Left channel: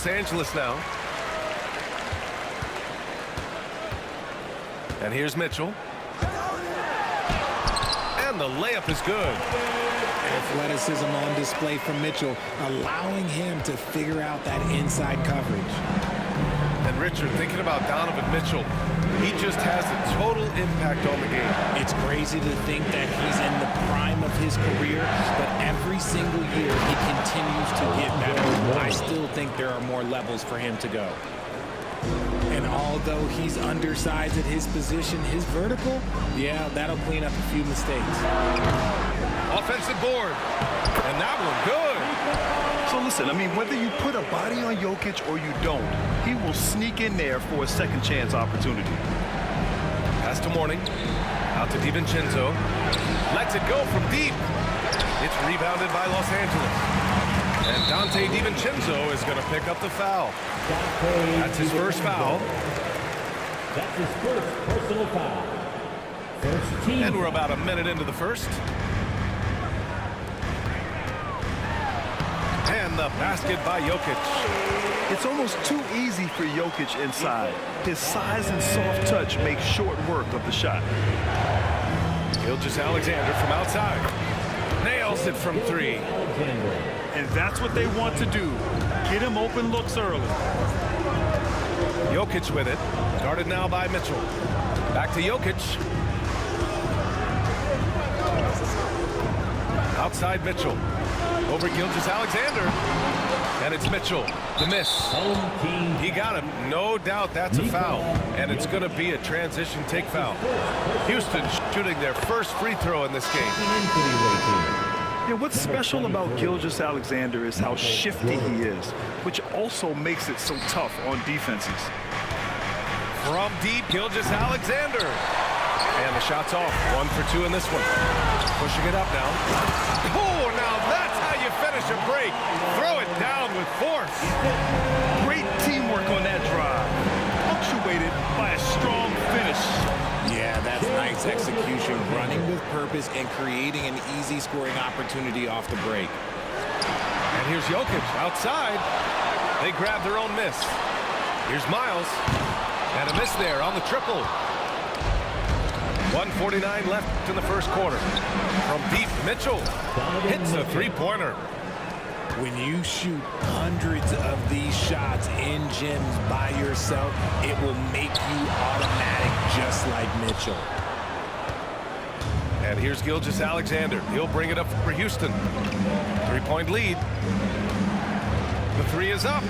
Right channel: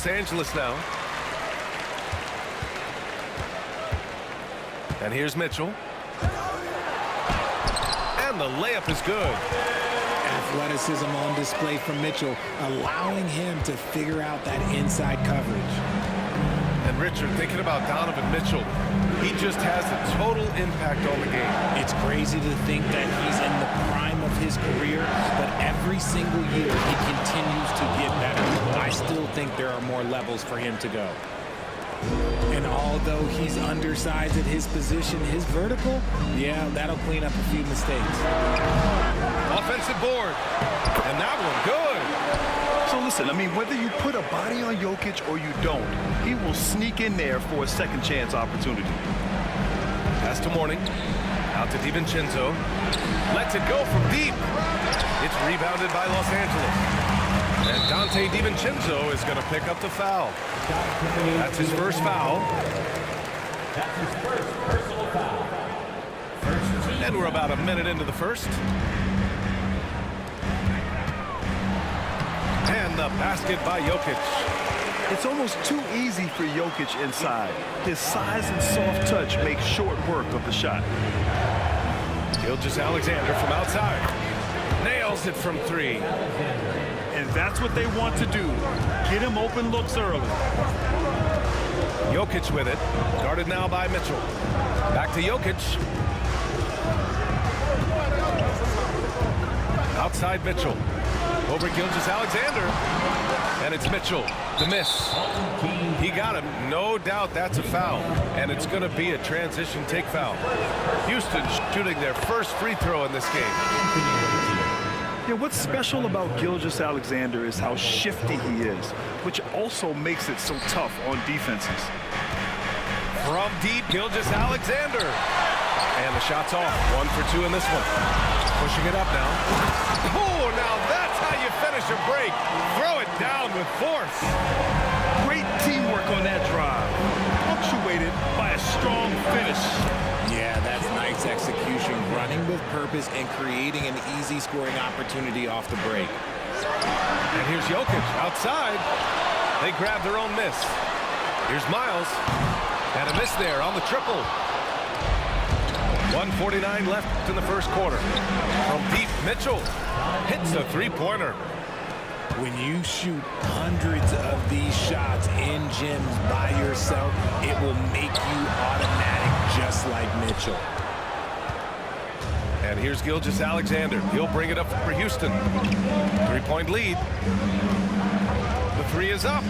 Los Angeles now. And here's Mitchell. And the layup is good. Athleticism on display from Mitchell, allowing him to figure out that inside coverage. And Richard, thinking about Donovan Mitchell, he just has a total impact on the game. It's crazy to think that he's in the prime of his career, but every single year he continues to get better. I still think there are more levels for him to go. And although he's undersized at his position, his vertical, yeah, that'll clean up a few mistakes. Offensive board. And that one, good. So listen, I mean, whether you put a body on Jokic or you don't, he will sneak in there for a second chance opportunity. Pass to Mourning. Out to DiVincenzo. Lets it go from deep. It's rebounded by Los Angeles. And Dante DiVincenzo is going to pick up the foul. That's his first foul. That's his first personal foul. First team. And we're about a minute into the first. And the basket by Jokic. It's almost too easy for Jokic inside. His size and soft touch make short work of the shot. Gilgeous-Alexander from outside. Nails it from three. And that's what they want to do. Get him open looks early. Jokic with it. Guarded now by Mitchell. Back to Jokic. Outside Mitchell. Over Gilgeous-Alexander. And it's Mitchell. The miss. He got him. No doubt that's a foul. And it's going to be a transition take foul. Houston shooting their first free throw in this game. Yeah, what's special about Gilgeous-Alexander is how shifty he is, which also makes it so tough on defenses. From deep, Gilgeous-Alexander. And the shot's off. 1 for 2 in this one. Pushing it up now. Oh, now that's how you finish a break. Throw it down with force. Great teamwork on that drive, punctuated by a strong finish. Yeah, that's nice execution, running with purpose and creating an easy scoring opportunity off the break. And here's Jokic outside. They grab their own miss. Here's Miles. And a miss there on the triple. 1:49 left in the first quarter. From deep, Mitchell hits a three-pointer. When you shoot hundreds of these shots in gyms by yourself, it will make you automatic just like Mitchell. And here's Gilgeous-Alexander. He'll bring it up for Houston. 3-point lead. The three is up.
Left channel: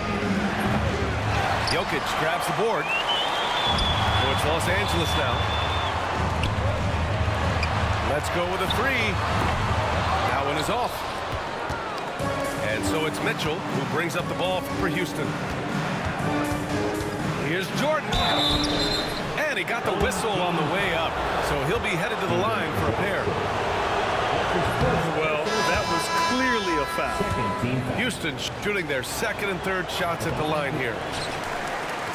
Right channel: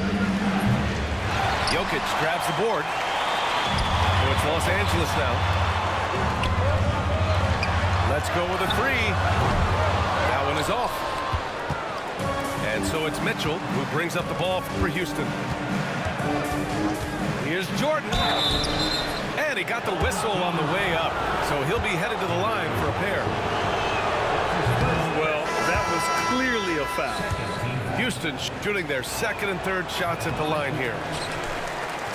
Jokic grabs the board. So it's Los Angeles now. Let's go with a three. That one is off. And so it's Mitchell who brings up the ball for Houston. Here's Jordan. And he got the whistle on the way up. So he'll be headed to the line for a pair. Well, that was clearly a foul. Houston shooting their second and third shots at the line here.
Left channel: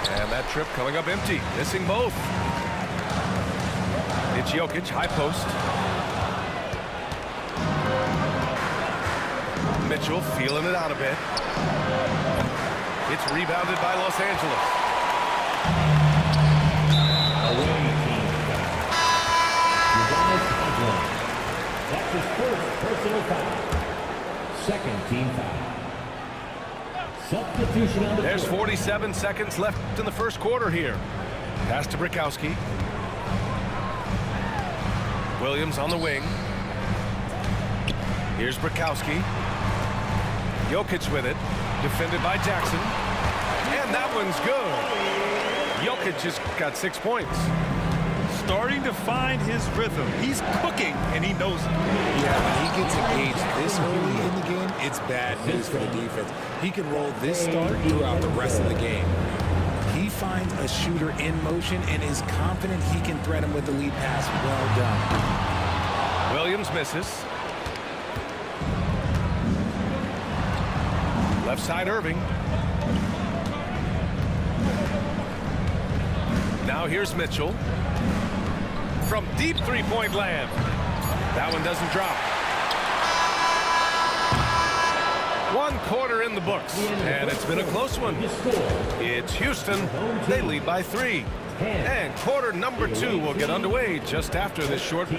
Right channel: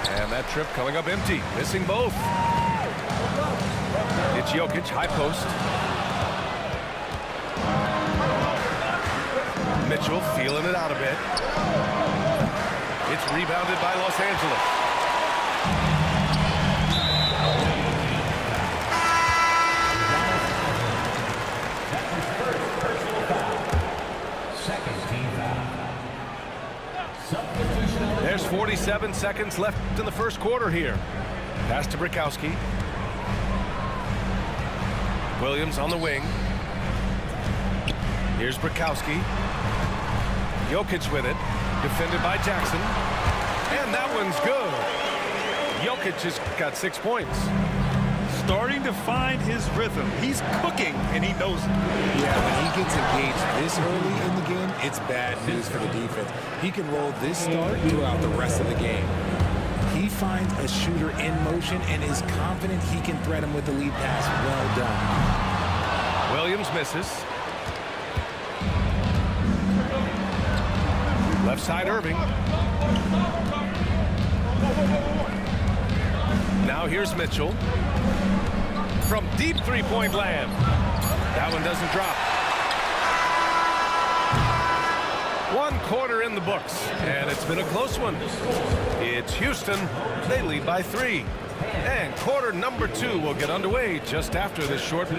And that trip coming up empty. Missing both. It's Jokic, high post. Mitchell feeling it out a bit. It's rebounded by Los Angeles. That's his first personal foul. Second team foul. Substitution on the There's field. 47 seconds left in the first quarter here. Pass to Brikowski. Williams on the wing. Here's Brikowski. Jokic with it. Defended by Jackson. And that one's good. Jokic just got 6 points. Starting to find his rhythm. He's cooking, and he knows it. Yeah, when he gets engaged this early in the game, it's bad news for the defense. He can roll this start throughout the rest of the game. He finds a shooter in motion and is confident he can thread him with the lead pass. Well done. Williams misses. Left side Irving. Now here's Mitchell. From deep three-point land. That one doesn't drop. One quarter in the books, and it's been a close one. It's Houston. They lead by 3. And quarter number 2 will get underway just after this short.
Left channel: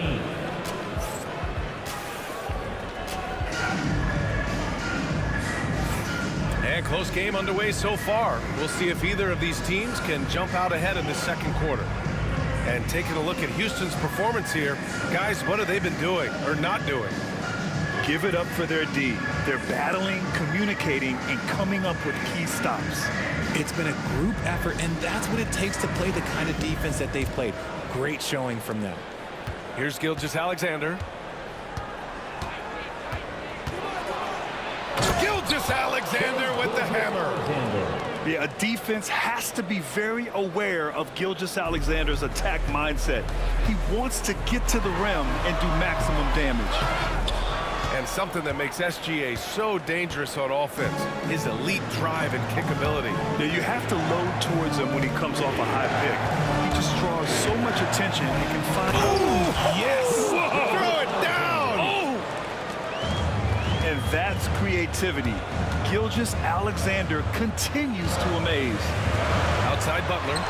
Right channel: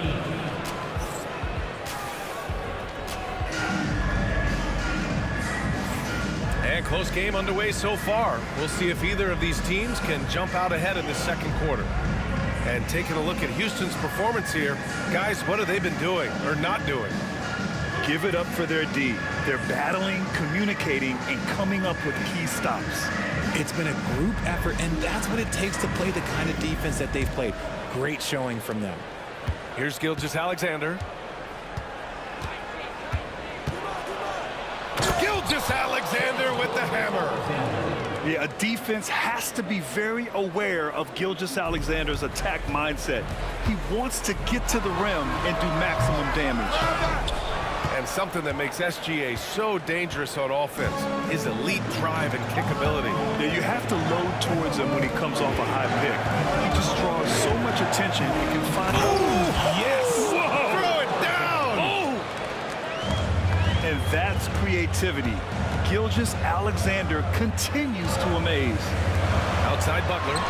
And close game underway so far. We'll see if either of these teams can jump out ahead in this second quarter. And taking a look at Houston's performance here, guys, what have they been doing or not doing? Give it up for their D. They're battling, communicating, and coming up with key stops. It's been a group effort, and that's what it takes to play the kind of defense that they've played. Great showing from them. Here's Gilgeous-Alexander. Gilgeous-Alexander with the hammer. Yeah, a defense has to be very aware of Gilgeous-Alexander's attack mindset. He wants to get to the rim and do maximum damage. And something that makes SGA so dangerous on offense, his elite drive and kick ability. Yeah, you have to load towards him when he comes off a high pick. He just draws so much attention and can find... Oh, yes! Whoa! Throw it down! Oh! And that's creativity. Gilgeous-Alexander continues to amaze. Outside Butler.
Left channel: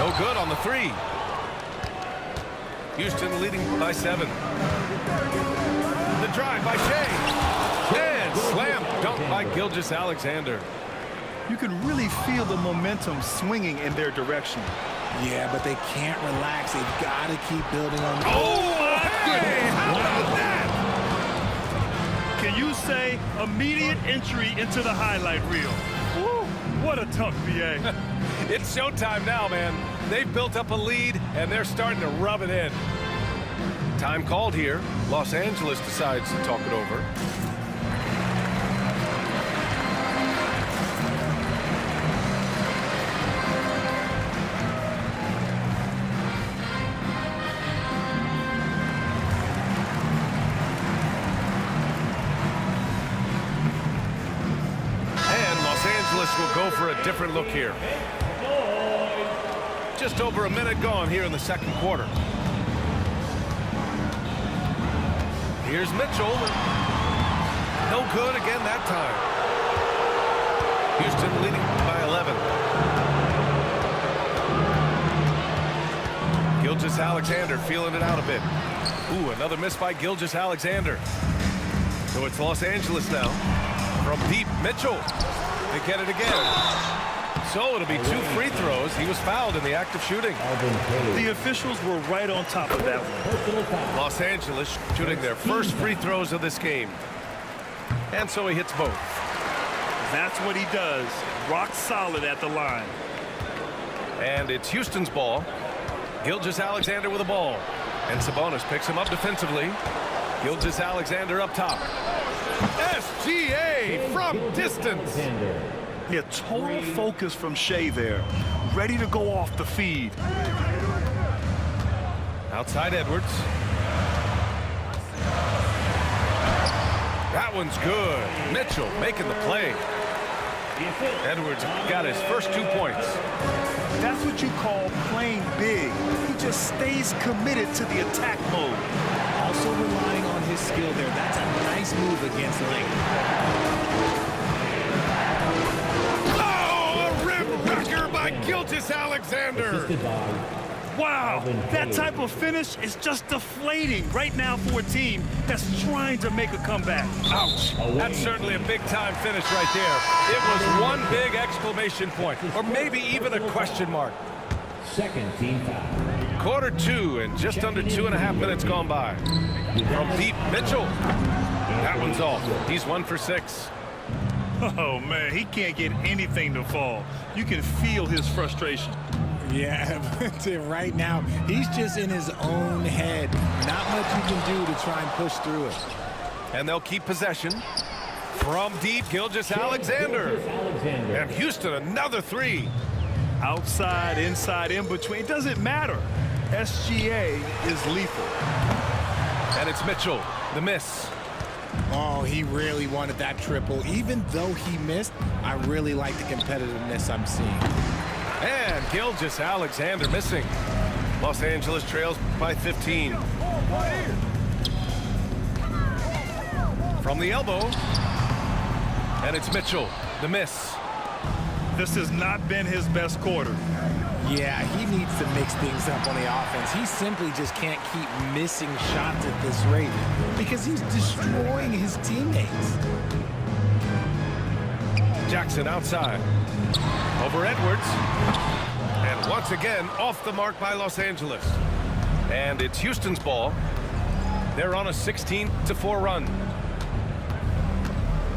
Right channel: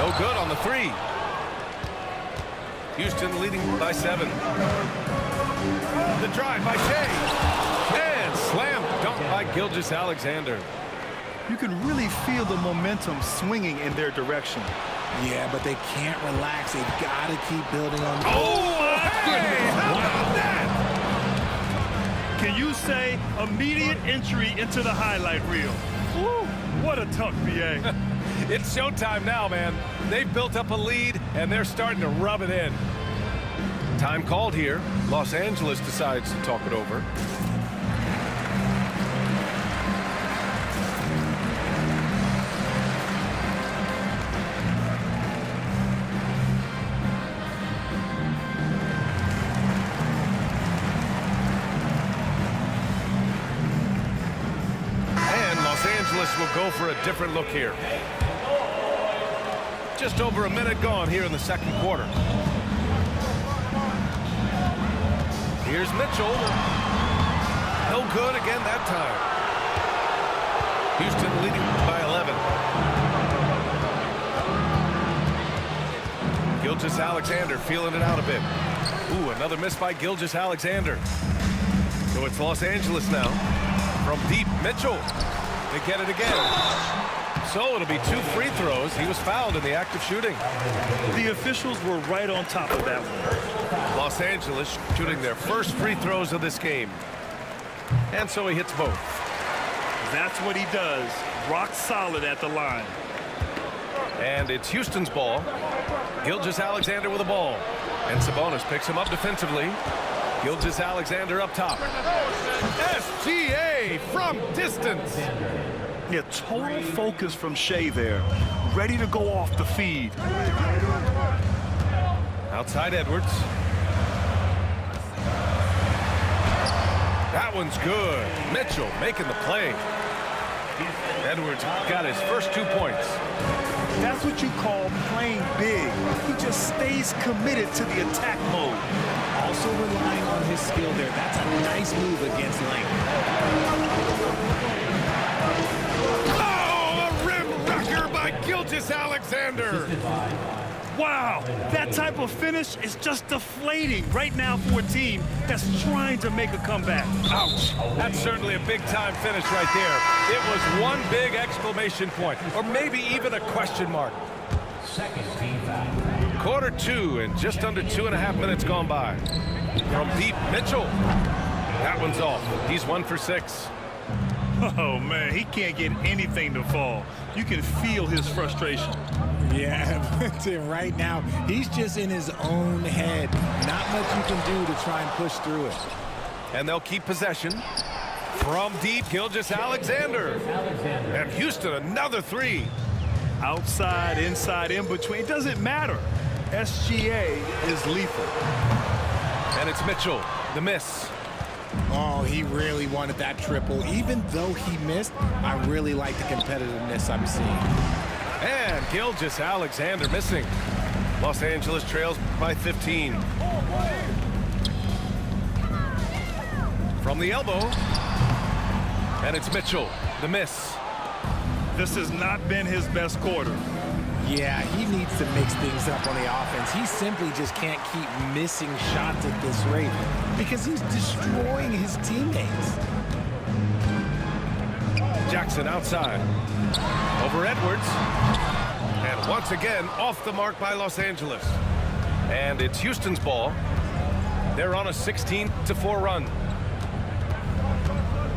No good on the 3. Houston leading by 7. The drive by Shea. And slam dunk by Gilgeous-Alexander. You can really feel the momentum swinging in their direction. Yeah, but they can't relax. They've got to keep building on... Oh, my goodness! How about that? Can you say immediate entry into the highlight reel? Woo, what a dunk, BA. It's showtime now, man. They've built up a lead, and they're starting to rub it in. Time called here. Los Angeles decides to talk it over. And Los Angeles will go for a different look here. Just over a minute gone here in the second quarter. Here's Mitchell. No good again that time. Houston leading by 11. Gilgeous-Alexander feeling it out a bit. Ooh, another miss by Gilgeous-Alexander. So it's Los Angeles now. From deep, Mitchell. They get it again. So it'll be 2 free throws. He was fouled in the act of shooting. The officials were right on top of that one. Los Angeles shooting their first free throws of this game. And so he hits both. That's what he does. Rock solid at the line. And it's Houston's ball. Gilgeous-Alexander with the ball. And Sabonis picks him up defensively. Gilgeous-Alexander up top. SGA from distance. Yeah, total focus from Shea there. Ready to go off the feed. Outside Edwards. That one's good. Mitchell making the play. Edwards got his first 2 points. That's what you call playing big. He just stays committed to the attack mode. Also relying on his skill there. That's a nice move against length. By Gilgeous-Alexander. Wow, that type of finish is just deflating right now for a team that's trying to make a comeback. Ouch. That's certainly a big-time finish right there. It was one big exclamation point, or maybe even a question mark. Second team foul. Quarter 2 and just under 2.5 minutes gone by. From deep, Mitchell. That one's off. He's 1 for 6. Oh, man, he can't get anything to fall. You can feel his frustration. Yeah, but right now, he's just in his own head. Not much you can do to try and push through it. And they'll keep possession. From deep, Gilgeous-Alexander. And Houston, another 3. Outside, inside, in between, it doesn't matter. SGA is lethal. And it's Mitchell, the miss. Oh, he really wanted that triple. Even though he missed, I really like the competitiveness I'm seeing. And Gilgeous-Alexander missing. Los Angeles trails by 15. From the elbow. And it's Mitchell, the miss. This has not been his best quarter. Yeah, he needs to mix things up on the offense. He simply just can't keep missing shots at this rate because he's destroying his teammates. Jackson outside. Over Edwards. And once again, off the mark by Los Angeles. And it's Houston's ball. They're on a 16-4 run.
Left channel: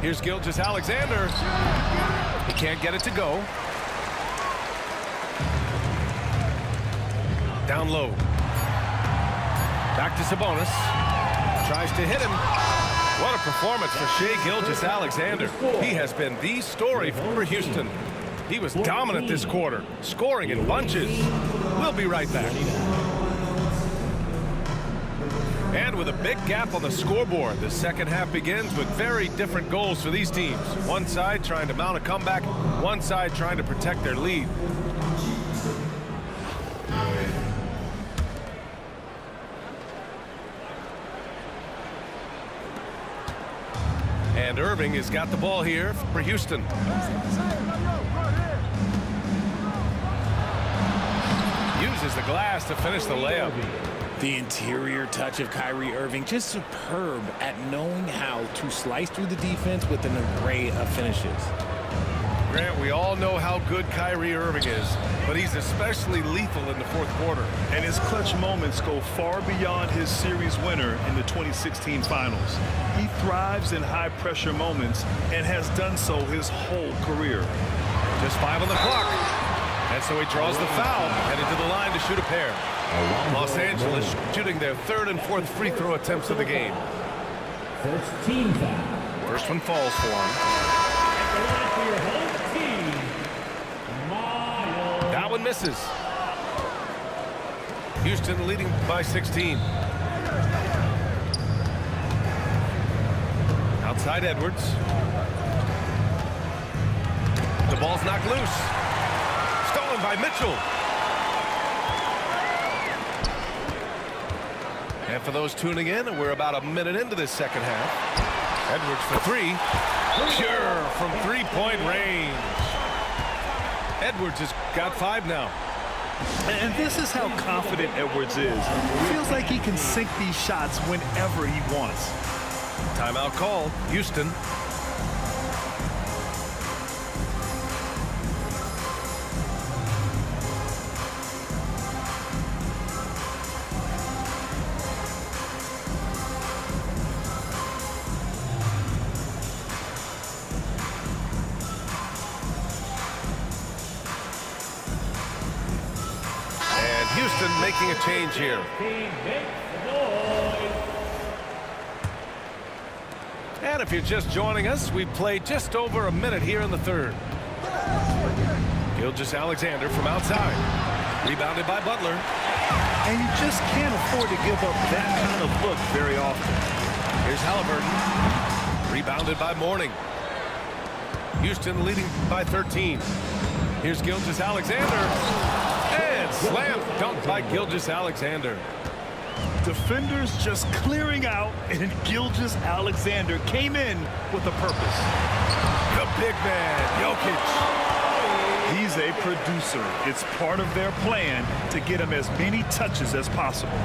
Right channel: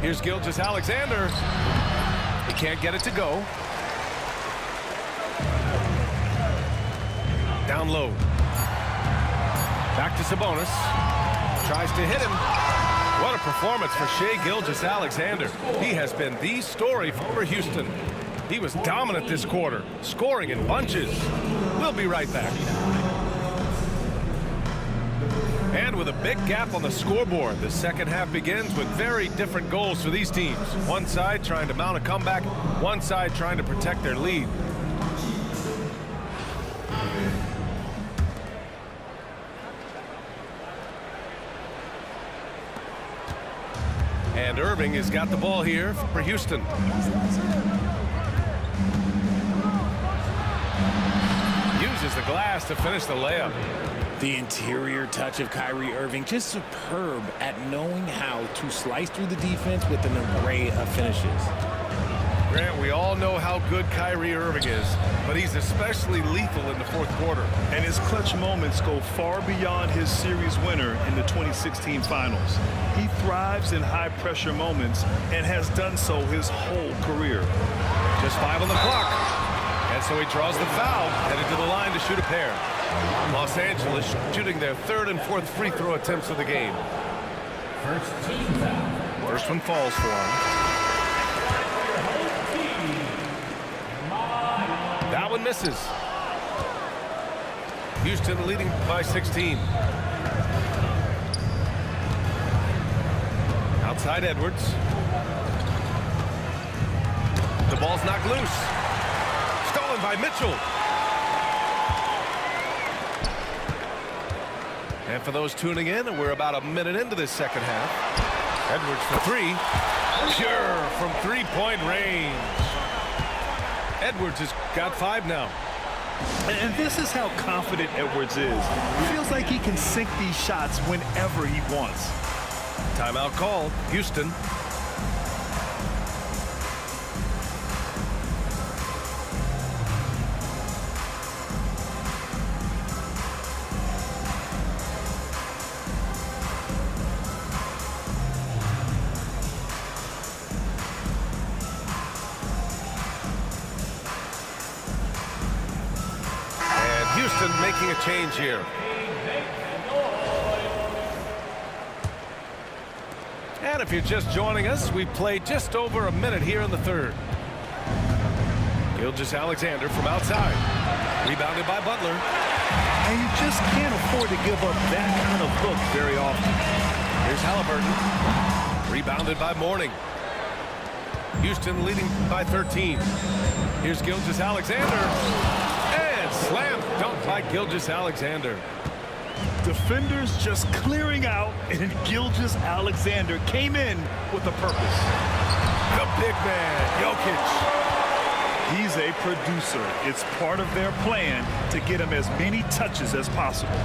Here's Gilgeous-Alexander. He can't get it to go. Down low. Back to Sabonis. Tries to hit him. What a performance for Shai Gilgeous-Alexander. He has been the story for Houston. He was dominant this quarter, scoring in bunches. We'll be right back. And with a big gap on the scoreboard, the second half begins with very different goals for these teams. One side trying to mount a comeback, one side trying to protect their lead. And Irving has got the ball here for Houston. Uses the glass to finish the layup. The interior touch of Kyrie Irving, just superb at knowing how to slice through the defense with an array of finishes. Grant, we all know how good Kyrie Irving is, but he's especially lethal in the fourth quarter. And his clutch moments go far beyond his series winner in the 2016 finals. He thrives in high-pressure moments and has done so his whole career. Just 5 on the clock. And so he draws the foul, headed to the line to shoot a pair. Los Angeles shooting their third and fourth free throw attempts of the game. First team foul. First one falls for him. That one misses. Houston leading by 16. Outside Edwards. The ball's knocked loose. Stolen by Mitchell. And for those tuning in, we're about a minute into this second half. Edwards for three. Pure from three-point range. Edwards has got 5 now. And this is how confident Edwards is. Feels like he can sink these shots whenever he wants. Timeout called. Houston. Houston making a change here. And if you're just joining us, we've played just over a minute here in the third. Gilgeous-Alexander from outside. Rebounded by Butler. And you just can't afford to give up that kind of look very often. Here's Halliburton. Rebounded by Mourning. Houston leading by 13. Here's Gilgeous-Alexander. And slam dunk by Gilgeous-Alexander. Defenders just clearing out, and Gilgeous-Alexander came in with a purpose. The big man, Jokic. He's a producer. It's part of their plan to get him as many touches as possible.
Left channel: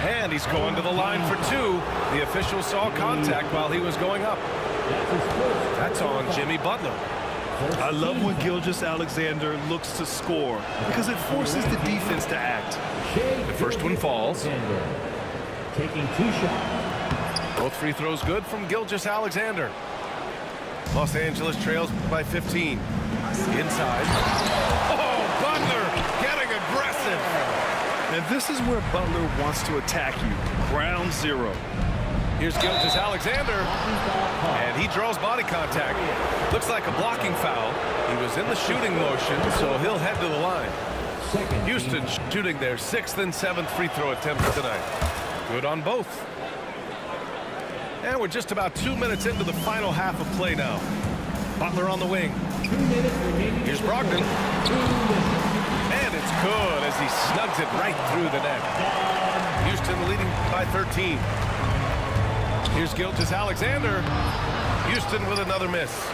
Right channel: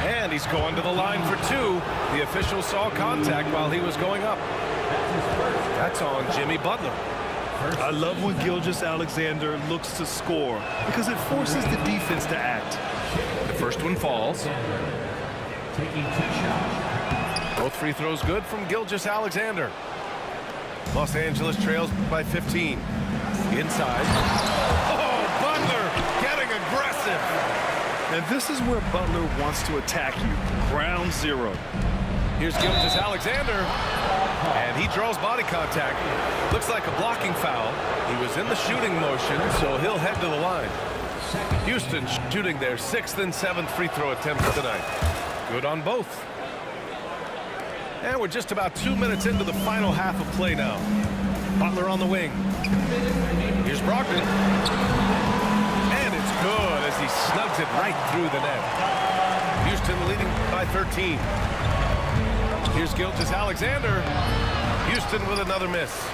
And he's going to the line for 2. The official saw contact while he was going up. That's on Jimmy Butler. I love when Gilgeous-Alexander looks to score because it forces the defense to act. The first one falls. Taking 2 shots. Both free throws good from Gilgeous-Alexander. Los Angeles trails by 15. Inside. Oh, Butler getting aggressive. And this is where Butler wants to attack you. Ground zero. Here's Gilgeous-Alexander. And he draws body contact. Looks like a blocking foul. He was in the shooting motion, so he'll head to the line. Houston shooting their 6th and 7th free throw attempts tonight. Good on both. And we're just about 2 minutes into the final half of play now. Butler on the wing. Here's Brogdon. And it's good as he snugs it right through the net. Houston leading by 13. Here's Gilgeous-Alexander. Houston with another miss.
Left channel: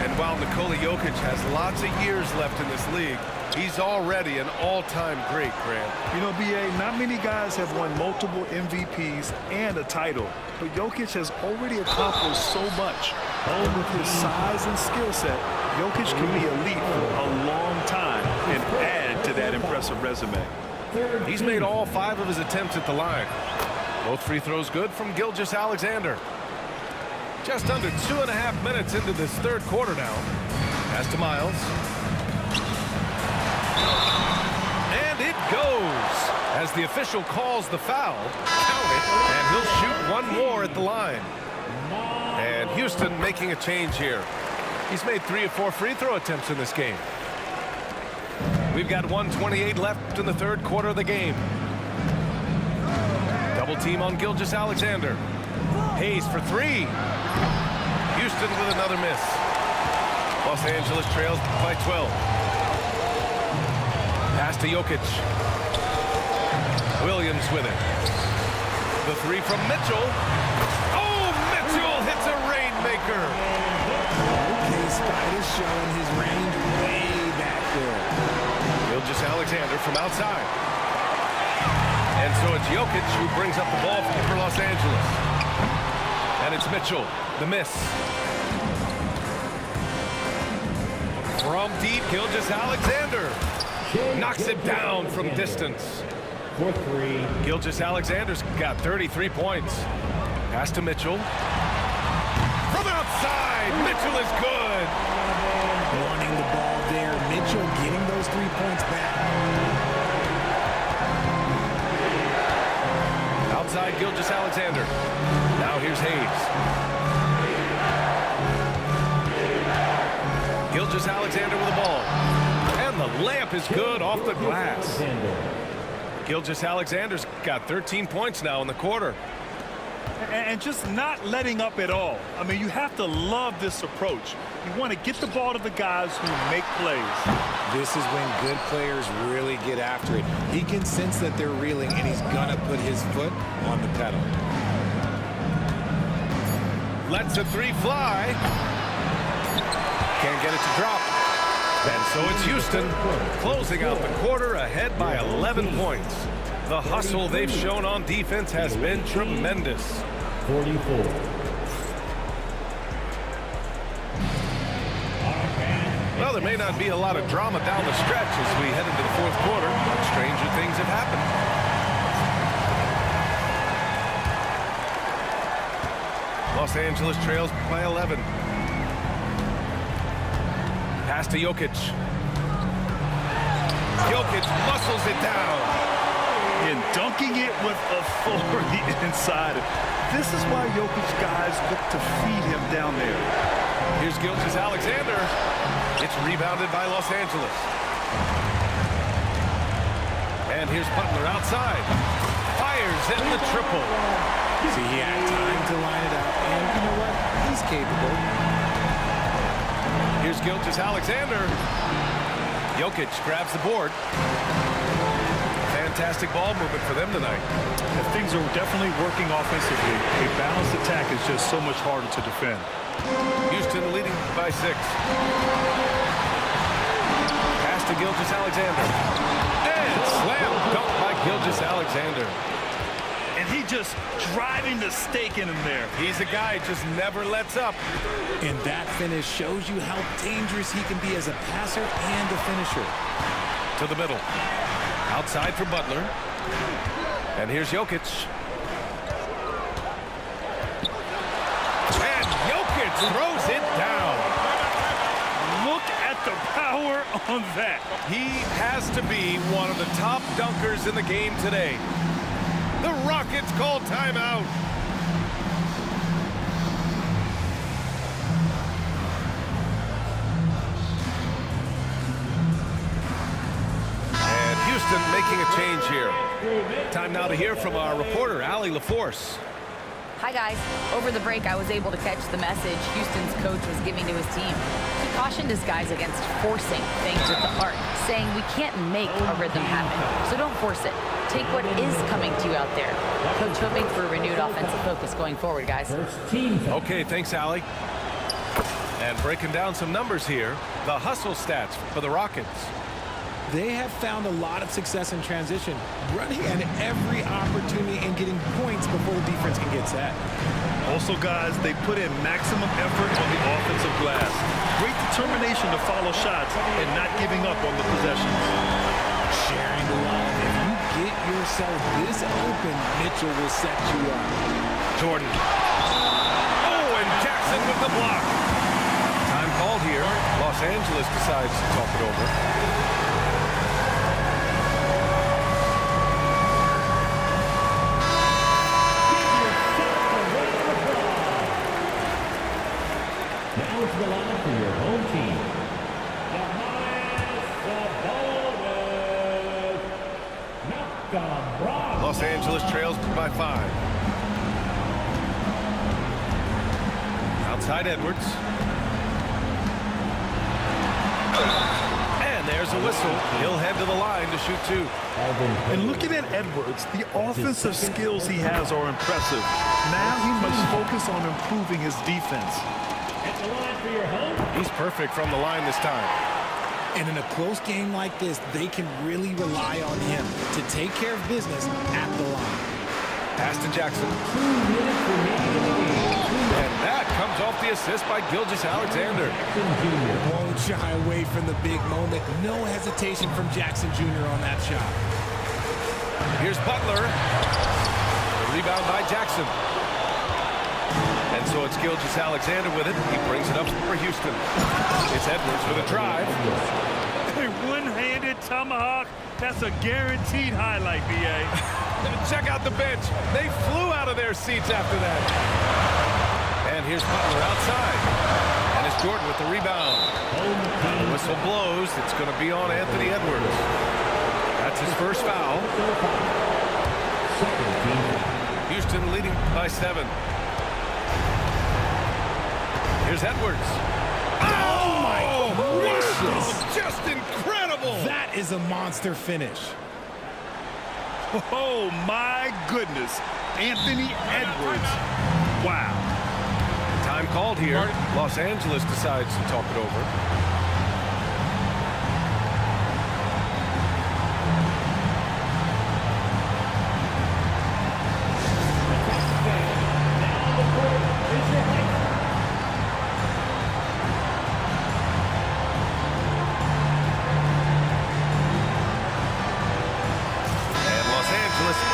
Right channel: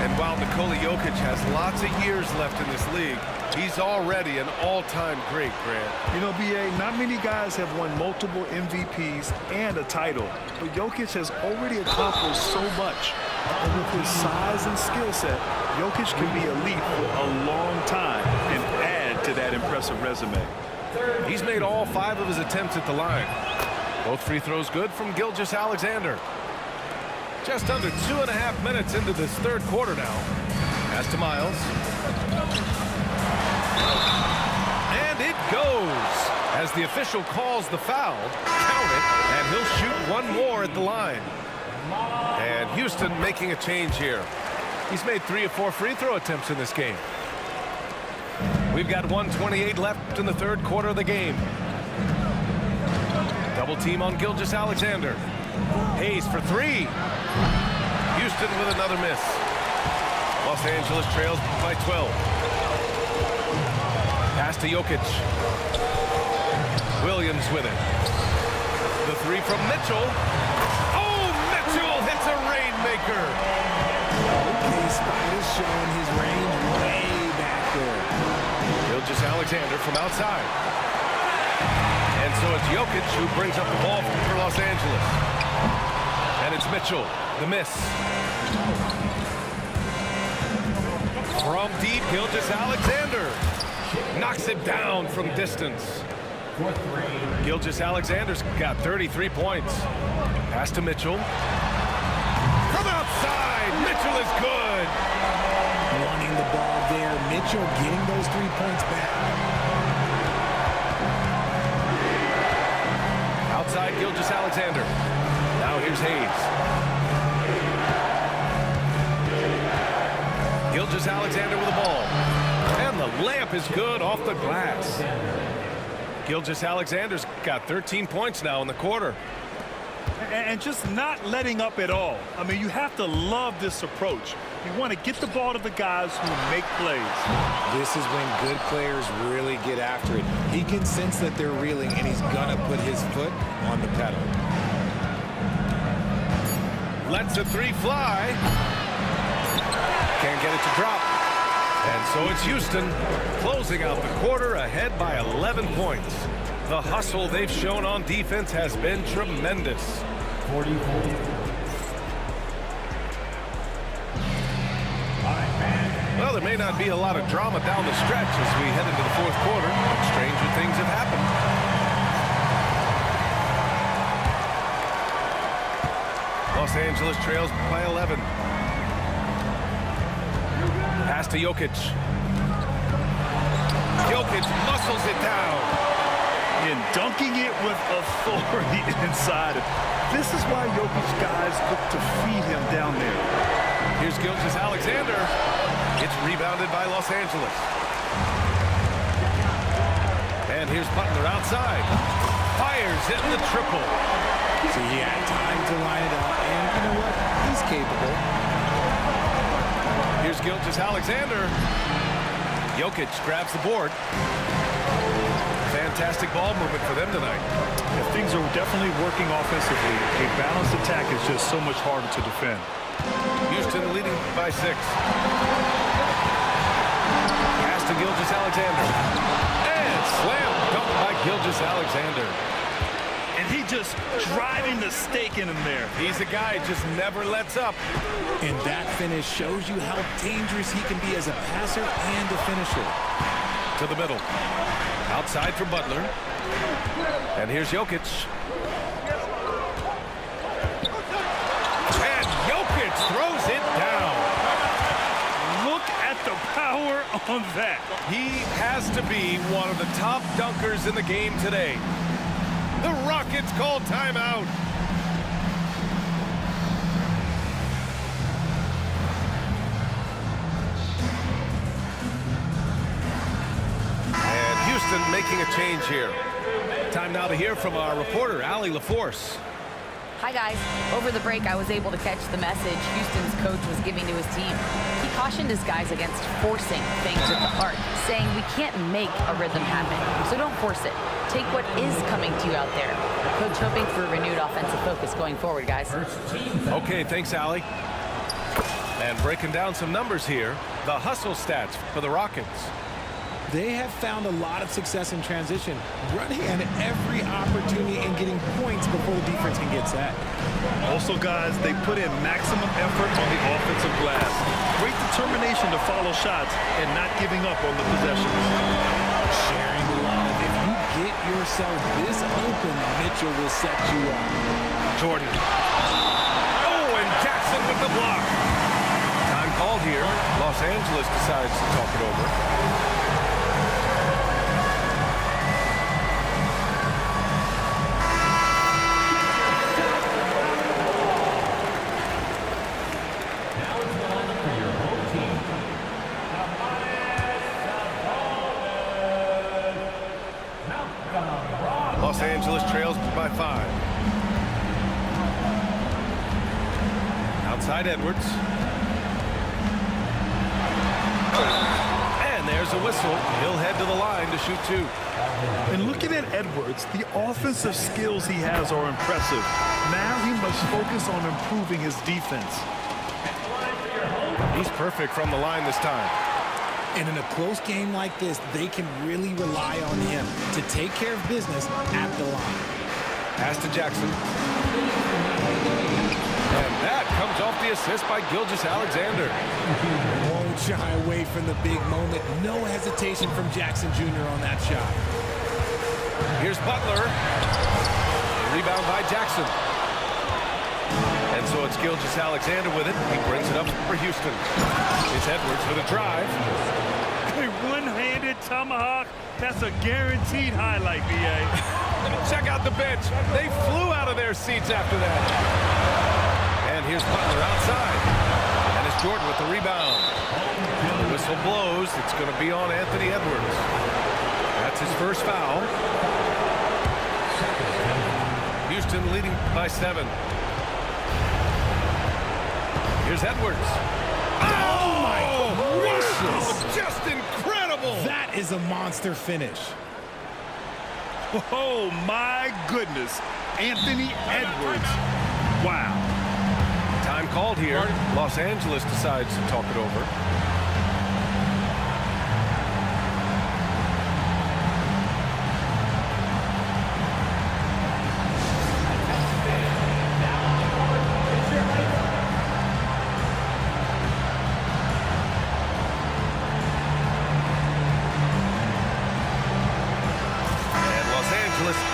And while Nikola Jokic has lots of years left in this league, he's already an all-time great, Grant. You know, B.A., not many guys have won multiple MVPs and a title, but Jokic has already accomplished so much. And with his size and skill set, Jokic can be elite for a long time and add to that impressive resume. He's made all 5 of his attempts at the line. Both free throws good from Gilgeous-Alexander. Just under 2.5 minutes into this third quarter now. Pass to Miles. And it goes. As the official calls the foul, count it, and he'll shoot one more at the line. And Houston making a change here. He's made 3 of 4 free throw attempts in this game. We've got 1:28 left in the third quarter of the game. Double team on Gilgeous-Alexander. Hayes for 3. Houston with another miss. Los Angeles trails by 12. Pass to Jokic. Williams with it. The 3 from Mitchell. Oh, Mitchell hits a rainmaker. Okay, Spider's showing his range way back there. Gilgeous-Alexander from outside. And so it's Jokic who brings up the ball for Los Angeles. And it's Mitchell, the miss. From deep, Gilgeous-Alexander knocks it down from distance. For 3. Gilgeous-Alexander's got 33 points. Pass to Mitchell. From outside, Mitchell is good. Wanting the ball there. Mitchell getting those 3 points back. Outside Gilgeous-Alexander. Now here's Hayes. Gilgeous-Alexander with the ball. And the layup is good off the glass. Gilgeous-Alexander's got 13 points now in the quarter. And just not letting up at all. I mean, you have to love this approach. You want to get the ball to the guys who make plays. This is when good players really get after it. He can sense that they're reeling, and he's going to put his foot on the pedal. Lets a 3 fly. Can't get it to drop. And so it's Houston closing out the quarter ahead by 11 points. The hustle they've shown on defense has been tremendous. 44. Well, there may not be a lot of drama down the stretch as we head into the fourth quarter, but stranger things have happened. Los Angeles trails by 11. Pass to Jokic. Jokic muscles it down. And dunking it with authority inside. This is why Jokic guys look to feed him down there. Here's Gilgeous-Alexander. It's rebounded by Los Angeles. And here's Butler outside. Fires in the triple. See, he had time to line it up, and you know what? He's capable. Here's Gilgeous-Alexander. Jokic grabs the board. Fantastic ball movement for them tonight. And things are definitely working offensively. A balanced attack is just so much harder to defend. Houston leading by 6. Pass to Gilgeous-Alexander. And slam dunk by Gilgeous-Alexander. And he just driving the stake in him there. He's a guy who just never lets up. And that finish shows you how dangerous he can be as a passer and a finisher. To the middle. Outside for Butler. And here's Jokic. And Jokic throws it down. Look at the power on that. He has to be one of the top dunkers in the game today. The Rockets call timeout. And Houston making a change here. Time now to hear from our reporter, Allie LaForce. Hi, guys. Over the break, I was able to catch the message Houston's coach was giving to his team. He cautioned his guys against forcing things at the arc, saying we can't make a rhythm happen, so don't force it. take what is coming to you out there. Coach hoping for a renewed offensive focus going forward, guys. First team foul. Okay, thanks, Allie. And breaking down some numbers here, the hustle stats for the Rockets. They have found a lot of success in transition, running at every opportunity and getting points before the defense can get set. Also, guys, they put in maximum effort on the offensive glass. Great determination to follow shots and not giving up on the possessions. Sharing love. If you get yourself this open, Mitchell will set you up. Jordan. Oh, and Jackson with the block. Time called here. Los Angeles decides to talk it over. Now it's the line for your home team. Los Angeles trails by 5. Outside Edwards. And there's a whistle. He'll head to the line to shoot 2. And looking at Edwards, the offensive skills he has are impressive. Now he must focus on improving his defense. He's perfect from the line this time. And in a close game like this, they can really rely on him to take care of business at the line. Pass to Jackson. And that comes off the assist by Gilgeous-Alexander. Won't shy away from the big moment. No hesitation from Jackson Jr. on that shot. Here's Butler. The rebound by Jackson. And so it's Gilgeous-Alexander with it. He brings it up for Houston. It's Edwards with a drive. A one-handed tomahawk. That's a guaranteed highlight, B.A. Check out the bench. They flew out of their seats after that. And here's Butler outside. And it's Jordan with the rebound. And the whistle blows. It's going to be on Anthony Edwards. That's his first foul. Houston leading by 7. Here's Edwards. Oh, my gracious. Wow, just incredible. That is a monster finish. Oh, my goodness. Anthony Edwards. Wow. Time called here. Los Angeles decides to talk it over.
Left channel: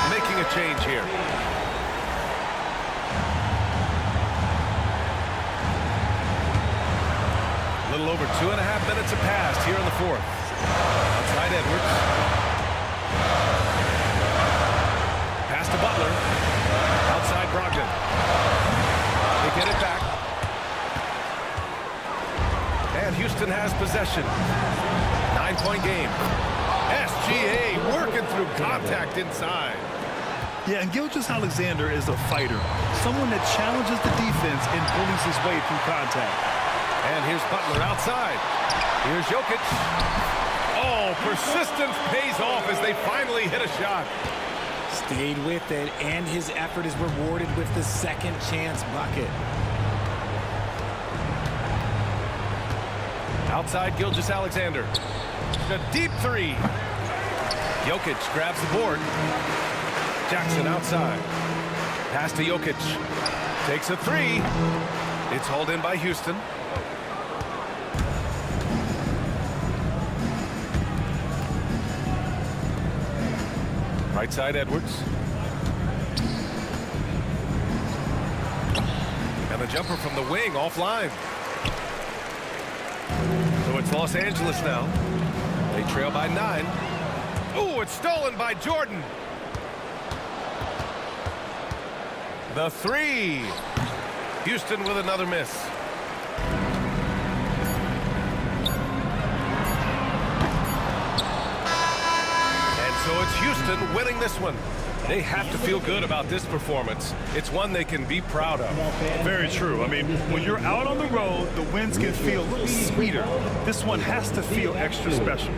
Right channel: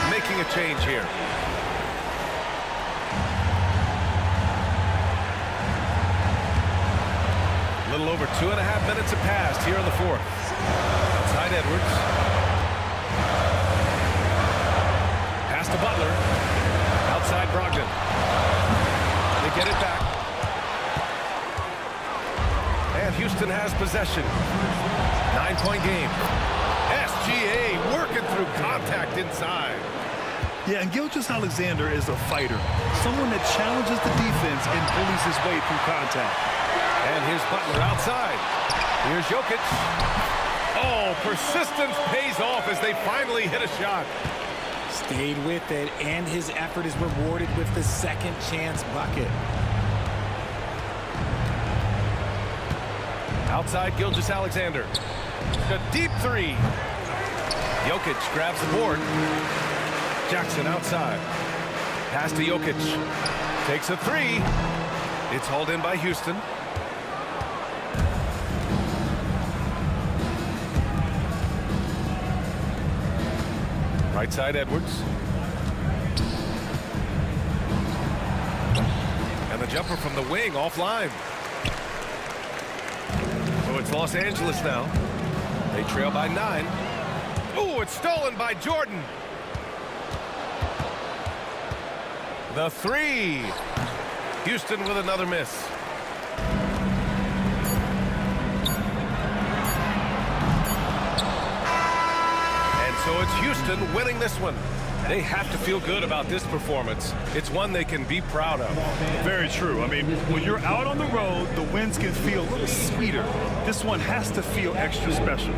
Making a change here. A little over 2.5 minutes have passed here in the 4th. Outside Edwards. Pass to Butler. Outside Brogdon. They get it back. And Houston has possession. 9-point game. SGA working through contact inside. Yeah, and Gilgeous-Alexander is a fighter. Someone that challenges the defense and bullies his way through contact. And here's Butler outside. Here's Jokic. Oh, persistence pays off as they finally hit a shot. Stayed with it, and his effort is rewarded with the second chance bucket. Outside Gilgeous-Alexander. A deep 3. Jokic grabs the board. Jackson outside. Pass to Jokic. Takes a 3. It's hauled in by Houston. Right side Edwards. And the jumper from the wing offline. So it's Los Angeles now. They trail by 9. Oh, it's stolen by Jordan. The 3. Houston with another miss. And so it's Houston winning this one. They have to feel good about this performance. It's one they can be proud of. Very true. I mean, when you're out on the road, the wins can feel a little sweeter. This one has to feel extra special.